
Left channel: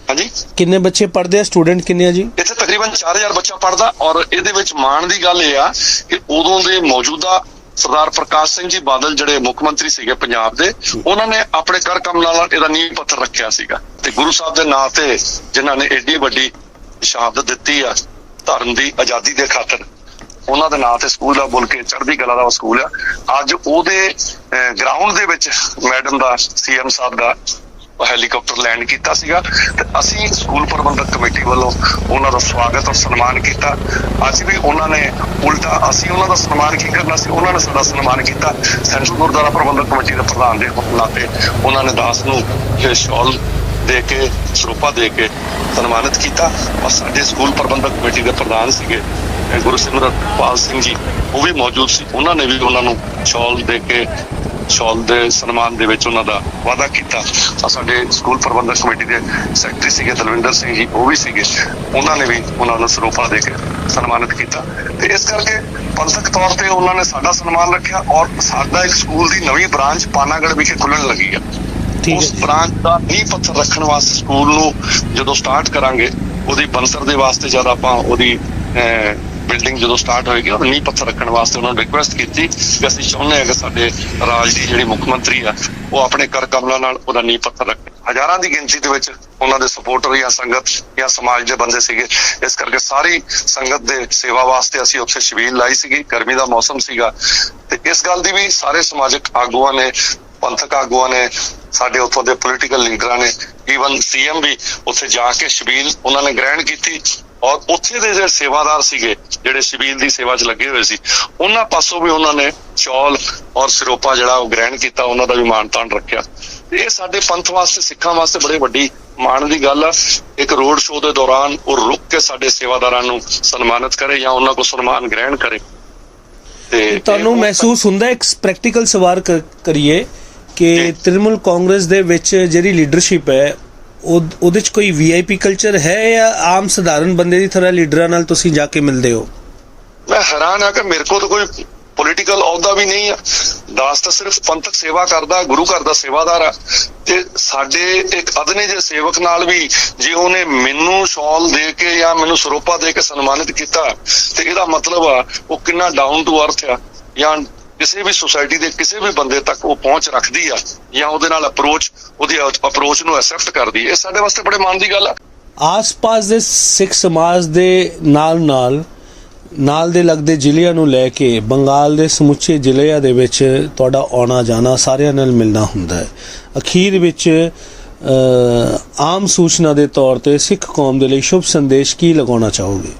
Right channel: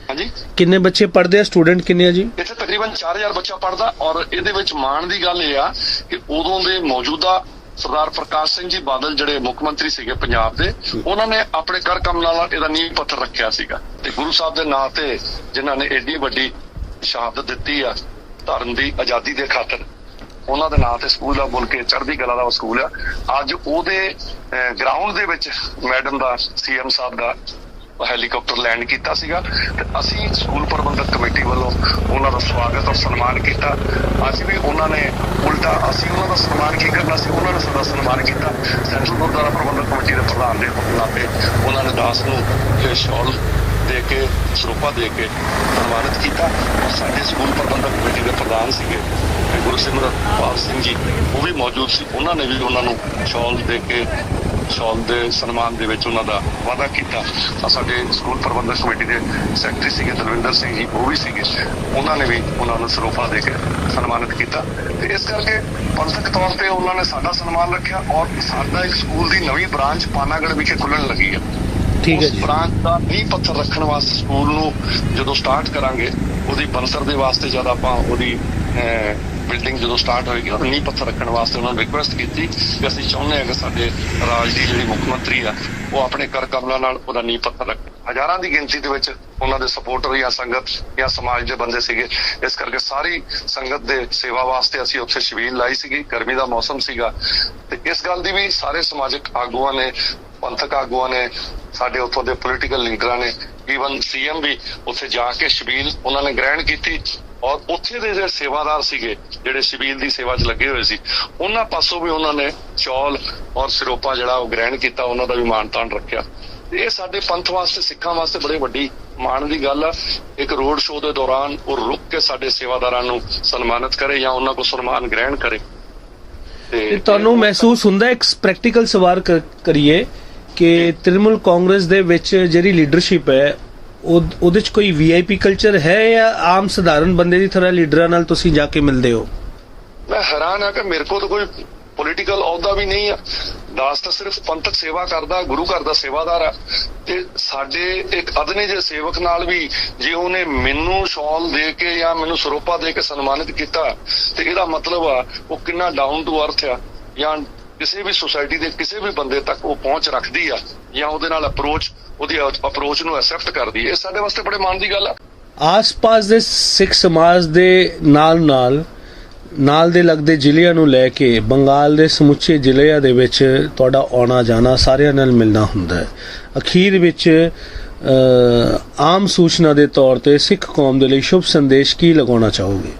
ਹਾਂਜੀ? ਕਿੰਨੇ ਬੱਚੇ ਪੜ੍ਹਦੇ ਆ? ਸਟੂਡੈਂਟ ਕਿੰਨੇ ਆ ਜੀ? ਇੱਥੇ ਤਕਰੀਬਨ 4000 ਬੱਚਾ ਪੜਦਾ ਔਰ ਇਹਦੇ ਵਿੱਚ ਮਾਣ ਦੀ ਗੱਲ ਇਹ ਆ ਕਿ ਉਦੋਂ ਦੇ ਮੌਜੂਦਾ ਸਰਦਾਰ ਪ੍ਰਕਾਸ਼ ਸਿੰਘ ਜੀ ਬਾਦਲ ਜਿਹੜੇ ਮੁੱਖ ਮੰਤਰੀ ਸੀਗੇ ਪੰਜਾਬ ਦੇ ਉਹਨਾਂ ਨੇ ਆਪਣੇ ਕਰ ਕਮਲਾਂ ਨਾਲ ਇਹਦਾ ਨੀਂਹ ਪੱਥਰ ਰੱਖਿਆ ਸੀਗਾ। ਤੇ ਗੁਰੂ ਸਾਹਿਬ ਦੇ ਨਾਂ ਤੇ ਜਿਨ੍ਹਾਂ ਨੇ ਏਡੀ ਵੱਡੀ ਸ਼ਹਾਦਤ ਦਿੱਤੀ ਆ ਧਰਮ ਦੀ ਆਜ਼ਾਦੀ ਦੇ ਖਾਤਰ। ਉਹਨਾਂ ਦੇ ਨਾਂ ਤੇ ਸਕੂਲ ਆ, ਬੋਲ ਕੇ ਚੜ੍ਹਦੀ ਕਲਾ ਦਾ ਸਕੂਲ ਆ। ਅੱਜ ਉਹਦੇ ਗਰਾਊਂਡ ਦੇ ਵਿੱਚ ਮੈਡਮ ਦਾ ਸੀਐਮ ਸਾਹਿਬ ਦਾ ਹੈਲੀਕਾਪਟਰ ਲੈਂਡ ਕੀਤਾ ਸੀਗਾ। ਤੇ ਅਸੀਂ ਸਕੂਲ ਪ੍ਰਬੰਧਕ ਕਮੇਟੀ ਵੱਲੋਂ ਉਹਨਾਂ ਦਾ ਸਵਾਗਤ ਔਰ ਸਨਮਾਨ ਕੀਤਾ। ਅਸੀਂ ਵੀ ਉਹਨਾਂ ਨੇ ਉਲਟਾ, ਅਸੀਂ ਉਹਨਾਂ ਦਾ ਸਨਮਾਨ ਕੀ ਕਰਨਾ ਸੀ? ਉਹਨਾਂ ਨੇ ਸਾਡਾ ਸਨਮਾਨ ਕੀਤਾ। ਸੈਂਟਰਲ ਗੁਰਦੁਆਰਾ ਪ੍ਰਬੰਧਕ ਕਮੇਟੀ ਦੇ ਪ੍ਰਧਾਨ ਦੇ ਨਾਤੇ ਉਹਨਾਂ ਨੇ ਦਾਸ ਨੂੰ ਸ਼ਾਲ ਦੇ ਕੇ, ਸਰੂਪਾ ਦੇ ਕੇ ਸਨਮਾਨਿਤ ਕੀਤਾ। ਔਰ ਸਾਡੇ ਸਕੂਲ ਪ੍ਰਬੰਧਕ ਕਮੇਟੀ ਦੇ ਪ੍ਰਧਾਨ ਸੀਗੇ ਗੁਰੂ ਗੁਰਸਿਮਰਤ ਪਾਲ ਸਿੰਘ ਜੀ। ਉਹ ਵੀ ਮੌਜੂਦ ਸੀ। ਉਹਨਾਂ ਨੇ ਵੀ ਉਹਨਾਂ ਨੂੰ ਸ਼ਾਲ ਦੇ ਕੇ, ਸ਼ਾਲ ਦੇ ਸਨਮਾਨ ਦੇ ਵਿੱਚ ਉਹਨਾਂ ਦਾ ਵਾਅਦਾ ਕੀਤਾ। ਸਾਡੇ ਸਕੂਲ ਪ੍ਰਬੰਧਕ ਕਮੇਟੀ ਦੇ ਸੈਕਟਰੀ ਸੀਗੇ ਦਲਵਿੰਦਰ ਸਿੰਘ ਜੀ, ਉਹ ਵੀ ਸੀਗੇ। ਉਹਨਾਂ ਨੇ ਵੀ ਉਹਨਾਂ ਨੂੰ ਸਰੂਪਾ ਦੇ ਕੇ ਸਨਮਾਨਿਤ ਕੀਤਾ। ਤੇ ਇਸ ਕਰਕੇ ਪੰਥਕ ਤੌਰ ਤੇ ਉਹਨਾਂ ਨੇ ਸਾਡਾ ਸਨਮਾਨ ਰੱਖਿਆ ਔਰ ਸਾਡਾ ਇੱਕ ਸਕੂਲ ਦੀ ਨਵੀਂ ਬ੍ਰਾਂਚ ਪਾਨਾਗੜ ਵਿਖੇ ਖੁੱਲਣ ਲੱਗੀ ਆ। ਠੀਕ ਹੈ। ਬ੍ਰਾਂਚ ਦਾ ਨੀਂਹ ਪੱਥਰ ਰੱਖਣ ਵਾਸਤੇ ਸਕੂਲ ਨੂੰ ਜਦੋਂ ਸਟਾਰਟ ਕਰਾਂਗੇ ਉਹਦੀ ਬੰਸਰ ਦੇ ਵਾਸਤੇ ਜਦ ਆਪਾਂ ਉਹਦੀ ਬਿਲਡਿੰਗ ਜਦੋਂ ਸਟਾਰਟ ਹੋਏਗੀ ਉਹ ਨੀਂਹ ਪੱਥਰ ਰੱਖਣ ਵਾਸਤੇ ਉਹਨਾਂ ਨੂੰ ਰਿਕੁਐਸਟ ਕੀਤੀ ਕਿ ਅਸੀਂ ਚਾਹੁੰਦੇ ਹਾਂ ਕਿ ਸਾਡੇ ਰਾਜ ਦੀ ਜਿਹੜੀ ਮੁੱਖ ਮੰਤਰੀ ਆ ਉਹ ਆਪਣੇ ਕਰ ਕਮਲਾਂ ਨਾਲ ਉਹਦਾ ਨੀਂਹ ਪੱਥਰ ਰੱਖੇ। ਹਜ਼ਾਰਾਂ ਦੀ ਗਿਣਤੀ ਦੇ ਵਿੱਚ ਉਹਨਾਂ ਦੇ ਸਪੋਰਟਰ ਜਾਂ ਸੰਗਤ ਜਾਂ ਸਮਾਜ ਦੇ ਬੰਦੇ ਸੀਗੇ। ਇਸ ਕਰਕੇ ਸਾਰੀ ਸੰਗਤ ਦੇ ਸੇਵਾ ਵਾਸਤੇ ਅਸੀਂ ਉੱਥੇ ਸ਼ਬੀਲ ਲਾਈ ਸੀਗੀ। ਗਰਮੀ ਦਾ ਮੌਸਮ ਸੀਗਾ। ਤੇ ਇਸ ਗੱਲ ਦੀ ਵੀ ਸਾਰੇ ਸਮਾਜਿਕ ਆਗੂਆਂ ਨੇ ਪੰਥਕ ਆਗੂਆਂ ਨੇ ਸਾਡੇ ਉੱਥੋਂ ਦੇ ਪੋਲੀਟੀਕਲ ਲੀਡਰਾਂ ਨੇ ਈਵਨ ਸੀਐਮ ਵੀ ਉੱਥੇ ਜਾ ਕੇ ਸ਼ਬੀਲ ਉਹਨਾਂ ਨੇ ਗ੍ਰਹਿਣ ਕੀਤੀ ਔਰ ਉੱਥੇ ਦੇ ਜਿਹੜੇ ਸੇਵਾਦਾਰ ਸੀਗੇ ਜਿਹੜੇ ਸ਼ਬੀਲ ਦੀ ਸੇਵਾ 'ਚ ਲੱਗੇ ਹੋਏ ਸੀ ਉਹਨਾਂ ਪਾਸੋਂ ਵੀ ਉਹਨਾਂ ਨੇ ਚੌਲ ਔਰ ਸਿਰੋਪਾ ਜਿਹੜਾ ਉਹ ਗ੍ਰਹਿਣ ਕੀਤਾ ਉਹਨਾਂ ਦਾ ਵੀ ਮਾਣ ਤਾਣ ਰੱਖਿਆ। ਇਹ ਸਾਡੇ ਪੰਥ ਵਾਸਤੇ ਸਿੱਖਾਂ ਵਾਸਤੇ ਬੜੇ ਵੱਡੀ ਮਾਣ ਦੀ ਗੱਲ ਆ। ਇੱਕ ਰੋਡ ਸ਼ੋਅ ਦੇ ਦੌਰਾਨ ਉਹ ਰੁਕ ਕੇ ਸਾਡੇ ਸੇਵਾਦਾਰਾਂ ਨੂੰ ਸਨਮਾਨਿਤ ਕਰੇ ਜਾਂ ਉਹਨਾਂ ਕੋਲ ਸਨਮਾਨ ਗ੍ਰਹਿਣ ਕਰੇ। ਤੇ ਤੁਹਾਨੂੰ ਮਹਿਸੂਸ ਹੁੰਦਾ ਇੱਕ ਪ੍ਰੈਕਟੀਕਲ ਸਵਾਲ ਕਰੀਏ ਕਿ। ਤ੍ਰਿਣਮੂਲ ਕਾਂਗਰਸ ਦੇ ਵਿੱਚ ਜਿਹੜੀ ਲੀਡਰਸ਼ਿਪ ਹੈ ਉਹ ਉਹਦੇ ਚ ਕੋਈ ਵੀਆਈਪੀ ਕਲਚਰ ਹੈ ਜਾਂ ਆਮ ਸਧਾਰਨ ਬੰਦੇ ਦੀ ਤਰ੍ਹਾਂ ਲੀਡਰਾਂ ਨਾਲ ਤੁਸੀਂ ਜਾ ਕੇ ਮਿਲਦੇ ਹੋ? ਮੈਂ ਹੈਰਾਨ ਆ ਕਿ ਮੇਰੇ ਕੋਲ ਤਾਂ ਕੋਈ ਪੋਲੀਟੀਕਲ ਅਹੁਦਾ ਵੀ ਨਹੀਂ ਆ। ਦਾਸ ਤਾਂ ਸਿਰਫ ਪੰਥਕ ਸੇਵਾ ਕਰਦਾ ਗੁਰੂ ਘਰ ਦਾ ਸੇਵਾਦਾਰ ਆ। ਤੇ ਸਾਡੇ ਇੱਕ ਅਦਨੇ ਜੇ ਸੇਵਕ ਨਾਲ ਵੀ ਜੇ ਉਹਨੇ ਮੈਨੂੰ ਸ਼ਾਲ ਦੇ ਕੇ ਜਾਂ ਮੈਨੂੰ ਸਰੋਪਾ ਦੇ ਕੇ ਸਨਮਾਨਿਤ ਕੀਤਾ ਤੇ ਇਹਦਾ ਮਤਲਬ ਆ ਉਹ ਕਿੰਨਾ ਡਾਊਨ ਟੂ ਅਰਥ ਆ ਜਾਂ ਕਿਸੇ ਵੀ ਸੁਸਾਇਟੀ ਦੇ ਕਿਸੇ ਵੀ ਬੰਦੇ ਤੱਕ ਉਹ ਪਹੁੰਚ ਰੱਖਦੀ ਆ ਜਾਂ ਉਹਦੇ ਨਾਲ ਅਪਰੋਚ ਉਹਦੀ ਅਪਰੋਚ ਨੂੰ ਐਕਸੈਪਟ ਕਰਦੀ ਇਹ ਸਾਡੇ ਵਾਸਤੇ ਬੜੇ ਮਾਣ ਦੀ ਗੱਲ ਆ। ਆਸ-ਪਾਸ ਦੇ ਸਿੱਖ ਸਮਾਜ ਦੇ ਨਾਲ-ਨਾਲ, ਨਾਲ ਦੇ ਲੱਗਦੇ ਜ਼ਿਲ੍ਹਿਆਂ ਨੂੰ ਲੈ ਕੇ ਬੰਗਾਲ ਦੇ ਸਮੁੱਚੇ ਜ਼ਿਲ੍ਹਿਆਂ ਦੇ ਵਿੱਚ ਤੁਹਾਡਾ ਆਉਣਾ ਜਾਣਾ ਸਾਰਿਆਂ ਨਾਲ ਮਿਲਣਾ ਹੁੰਦਾ ਹੈ। ਅਖੀਰ ਵਿੱਚ ਆਮ ਸੂਚਨਾ ਦੇ ਤੌਰ ਤੇ ਸਿੱਖ ਕੌਮ ਦੇ ਲਈ ਸ਼ੁਭ ਸੰਦੇਸ਼ ਕੀ ਲਗਾਉਣਾ ਚਾਹੋਗੇ?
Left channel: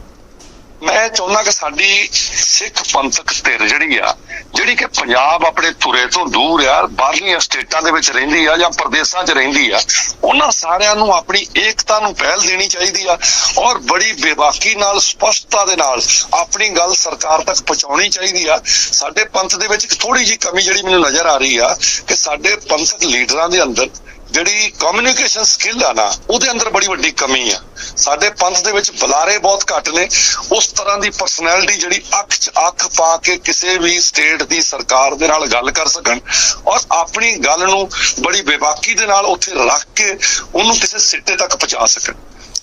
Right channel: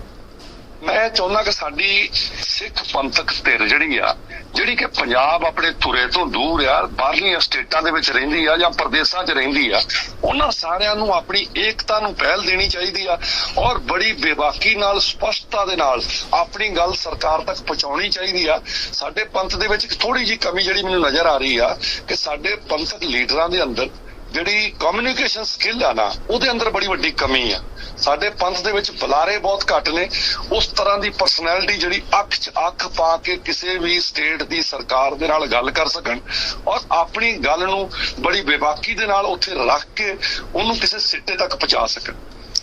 ਮੈਂ ਚਾਹੁੰਦਾ ਕਿ ਸਾਡੀ ਸਿੱਖ ਪੰਥਕ ਧਿਰ ਜਿਹੜੀ ਆ, ਜਿਹੜੀ ਕਿ ਪੰਜਾਬ ਆਪਣੇ ਧੁਰੇ ਤੋਂ ਦੂਰ ਆ, ਬਾਹਰਲੀਆਂ ਸਟੇਟਾਂ ਦੇ ਵਿੱਚ ਰਹਿੰਦੀ ਆ ਜਾਂ ਪ੍ਰਦੇਸ਼ਾਂ 'ਚ ਰਹਿੰਦੀ ਆ, ਉਹਨਾਂ ਸਾਰਿਆਂ ਨੂੰ ਆਪਣੀ ਏਕਤਾ ਨੂੰ ਪਹਿਲ ਦੇਣੀ ਚਾਹੀਦੀ ਆ ਔਰ ਬੜੀ ਬੇਬਾਕੀ ਨਾਲ, ਸਪਸ਼ਟਤਾ ਦੇ ਨਾਲ ਆਪਣੀ ਗੱਲ ਸਰਕਾਰ ਤੱਕ ਪਹੁੰਚਾਉਣੀ ਚਾਹੀਦੀ ਆ। ਸਾਡੇ ਪੰਥ ਦੇ ਵਿੱਚ ਥੋੜੀ ਜੀ ਕਮੀ ਜਿਹੜੀ ਮੈਨੂੰ ਨਜ਼ਰ ਆ ਰਹੀ ਆ ਕਿ ਸਾਡੇ ਪੰਥਕ ਲੀਡਰਾਂ ਦੇ ਅੰਦਰ ਜਿਹੜੀ ਕਮਿਊਨੀਕੇਸ਼ਨ ਸਕਿੱਲ ਆ ਨਾ, ਉਹਦੇ ਅੰਦਰ ਬੜੀ ਵੱਡੀ ਕਮੀ ਆ। ਸਾਡੇ ਪੰਥ ਦੇ ਵਿੱਚ ਬੁਲਾਰੇ ਬਹੁਤ ਘੱਟ ਨੇ। ਉਸ ਤਰ੍ਹਾਂ ਦੀ ਪਰਸਨੈਲਿਟੀ ਜਿਹੜੀ ਅੱਖ 'ਚ ਅੱਖ ਪਾ ਕੇ ਕਿਸੇ ਵੀ ਸਟੇਟ ਦੀ ਸਰਕਾਰ ਦੇ ਨਾਲ ਗੱਲ ਕਰ ਸਕਣ ਔਰ ਆਪਣੀ ਗੱਲ ਨੂੰ ਬੜੀ ਬੇਬਾਕੀ ਦੇ ਨਾਲ ਉੱਥੇ ਰੱਖ ਕੇ ਉਹਨੂੰ ਕਿਸੇ ਸਿੱਟੇ ਤੱਕ ਪਹੁੰਚਾ ਸਕਣ।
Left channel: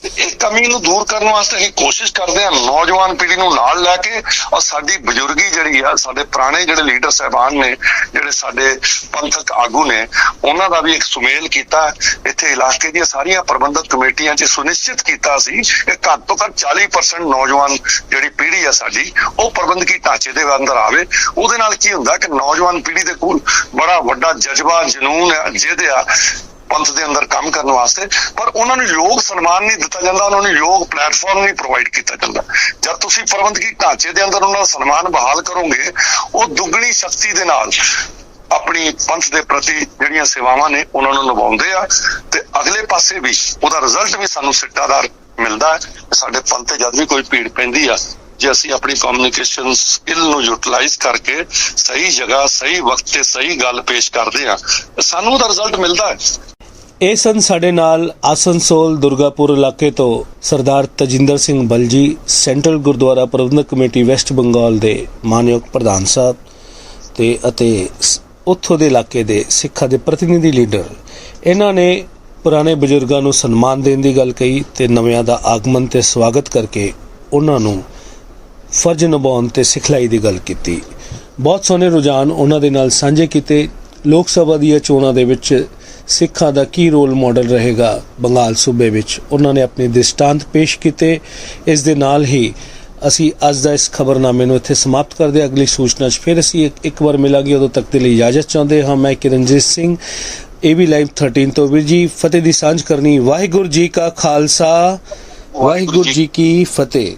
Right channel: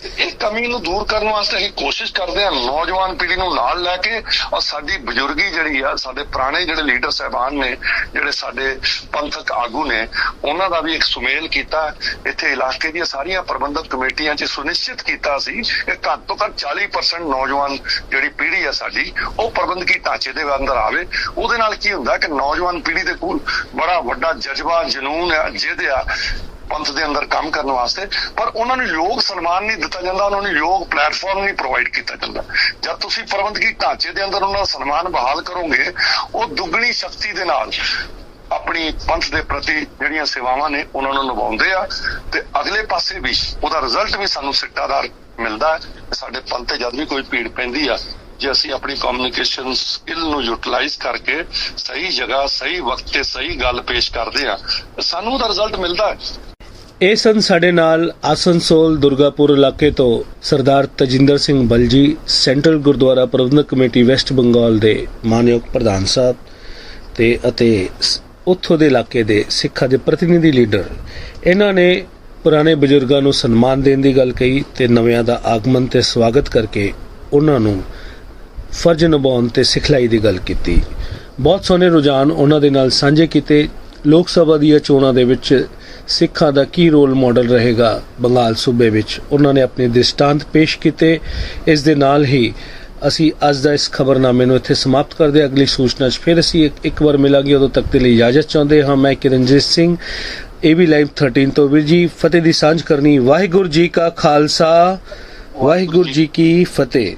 ਇਹ ਕਮੀ ਨੂੰ ਦੂਰ ਕਰਨ ਵਾਸਤੇ ਅਸੀਂ ਕੋਸ਼ਿਸ਼ ਕਰਦੇ ਹਾਂ ਨੌਜਵਾਨ ਪੀੜ੍ਹੀ ਨੂੰ ਨਾਲ ਲੈ ਕੇ ਔਰ ਸਾਡੀ ਬਜ਼ੁਰਗੀ ਜਿਹੜੀ ਆ, ਸਾਡੇ ਪੁਰਾਣੇ ਜਿਹੜੇ ਲੀਡਰ ਸਹਿਬਾਨ ਨੇ, ਜਿਹੜੇ ਸਾਡੇ ਪੰਥਕ ਆਗੂ ਨੇ, ਉਹਨਾਂ ਦਾ ਵੀ ਇੱਕ ਸੁਮੇਲ ਕੀਤਾ। ਇੱਥੇ ਇਲਾਕੇ ਦੀਆਂ ਸਾਰੀਆਂ ਪ੍ਰਬੰਧਕ ਕਮੇਟੀਆਂ 'ਚ ਸੁਨਿਸ਼ਚਿਤ ਕੀਤਾ ਸੀ ਕਿ ਘੱਟ ਤੋਂ ਘੱਟ 40% ਨੌਜਵਾਨ ਜਿਹੜੀ ਪੀੜ੍ਹੀ ਆ ਸਾਡੀ, ਉਹ ਪ੍ਰਬੰਧਕੀ ਢਾਂਚੇ ਦੇ ਅੰਦਰ ਆਵੇ। ਉਹਦੇ ਨਾਲ ਕੀ ਹੁੰਦਾ ਕਿ ਨੌਜਵਾਨ ਪੀੜ੍ਹੀ ਦੇ ਕੋਲ ਬੜਾ ਵੱਡਾ ਜਜ਼ਬਾ, ਜਨੂਨ ਹੈ ਜਿਹਦੇ ਆ ਪੰਥ ਦੇ ਅੰਦਰ ਕੰਮ ਕਰਨ ਵਾਸਤੇ, ਪਰ ਉਹਨਾਂ ਨੂੰ ਯੋਗ ਸਨਮਾਨ ਨਹੀਂ ਦਿੱਤਾ ਜਾਂਦਾ, ਉਹਨਾਂ ਨੂੰ ਯੋਗ ਪਲੇਟਫਾਰਮ ਨਹੀਂ ਪ੍ਰੋਵਾਈਡ ਕੀਤਾ ਜਾਂਦਾ। ਜਦ ਤੁਸੀਂ ਪ੍ਰਬੰਧਕੀ ਢਾਂਚੇ ਦੇ ਅੰਦਰ ਉਹਨਾਂ ਦਾ ਸਨਮਾਨ ਬਹਾਲ ਕਰੋਗੇ, ਉਹ ਦੁੱਗਣੀ ਸ਼ਕਤੀ ਦੇ ਨਾਲ ਆਪਣੀ ਪੰਥ ਦੇ ਪ੍ਰਤੀ ਜਿਹੜੀਆਂ ਸੇਵਾਵਾਂ ਨੇ, ਉਹਨਾਂ ਨੂੰ ਨਿਭਾਉਂਦੇ ਆ ਤੇ ਅਗਲੇ ਪਾਸੇ ਵੀ ਉਹਦਾ ਰਿਜ਼ਲਟ ਵੀ ਸਾਨੂੰ ਸਿੱਟਾਦਾਰ ਮਿਲਦਾ ਹੈ। ਸਾਡੇ ਪੰਥ ਤੇ ਜਦ ਵੀ ਕੋਈ ਭੀੜ ਪੈਂਦੀ ਆ, ਜੇ ਅਸੀਂ ਆਪਣੀ ਕਮਿਊਨੀਕੇਸ਼ਨ ਸਕਿੱਲ ਨੂੰ ਯੂਟਿਲਾਈਜ਼ ਕਰਕੇ ਸਹੀ ਜਗ੍ਹਾ, ਸਹੀ ਵਕਤ ਤੇ ਸਹੀ ਗੱਲ ਪੇਸ਼ ਕਰਦੇ ਆ ਸਾਨੂੰ ਉਹਦਾ ਰਿਜ਼ਲਟ ਮਿਲਦਾ ਹੈ। ਇਹ ਸਨ ਸਾਡੇ ਨਾਲ ਆਸਨਸੋਲ ਦੁਰਗਾਪੁਰ ਇਲਾਕੇ ਤੋਂ Sardar Tajinder Singh Balji, central Gurdwara Prabandhak committee West Bengal ਦੇ ਮਾਨਯੋਗ ਪ੍ਰਧਾਨ ਸਾਹਿਬ ਤੇ ਅਤੇ ਉੱਥੋਂ ਦੇ ਇਲਾਕੇ ਦੇ ਸਿੱਖਾਂ ਦੇ ਪ੍ਰਤੀਨਿਧੀ ਲੀਡਰ। ਇਹਨਾਂ ਨੇ ਪੁਰਾਣੇ ਬਜ਼ੁਰਗਾਂ ਨੂੰ ਸਨਮਾਨ ਦੇਣ ਦੀ ਗੱਲ ਕਹੀ ਤੇ ਨਵਿਆਂ ਦਾ ਆਗਮਨ ਤੇ ਸਵਾਗਤ ਕਰਕੇ ਉਹਨਾਂ ਨੂੰ ਫਰਜ਼ ਨਿਭਾਉਣ ਤੇ ਸਿਖਲਾਈ ਦੀ ਗੱਲ ਕੀਤੀ। ਬਹੁਤ ਸੋਹਣੇ ਰੁਝਾਨ ਉਹਨਾਂ ਦੇ ਨਾਲ ਸਾਂਝੇ ਕੀਤੇ। ਲੋਕ ਸਭਾ ਦੀਆਂ ਚੋਣਾਂ ਦੇ ਵਿੱਚ ਸਿੱਖਾਂ ਦਾ ਕੀ ਰੋਲ ਮਾਡਲ ਰਹੇਗਾ ਬੰਗਾਲ ਸੂਬੇ ਵਿੱਚ? ਉਹਨਾਂ ਨੇ ਆਪਣੇ ਦ੍ਰਿਸ਼ਟਾਂਤ ਪੇਸ਼ ਕੀਤੇ। ਇਸ ਦੇ ਨਾਲ ਹੀ ਅਸੀਂ ਅੱਜ ਦਾ ਇਸ ਖਬਰਨਾਮੇ ਨੂੰ ਇੱਥੇ ਸਮਾਪਤ ਕਰਦੇ ਹਾਂ। ਅਗਲੀ ਸੂਚਨਾ 'ਚ ਫਿਰ ਅਸੀਂ ਇੱਕ- ਇੱਕ ਵਾਰ ਮਿਲਾਂਗੇ। ਉਦੋਂ ਤੱਕ ਦੇ ਲਈ ਇਜਾਜ਼ਤ ਚਾਹੁੰਦੇ ਹਾਂ। ਮੈਂ ਕਿਰਨਜੀਤ ਸਿੰਘ ਏਬੀ ਲਾਈਵ 13 ਤੋਂ। ਵੀਰ ਜੀ ਫਤਿਹ ਦੀ ਸਾਂਝ ਕਰਨੀ। ਵਾਹਿਗੁਰੂ ਜੀ ਕਾ ਖਾਲਸਾ। ਵਾਹਿਗੁਰੂ ਜੀ ਕੀ ਫਤਿਹ।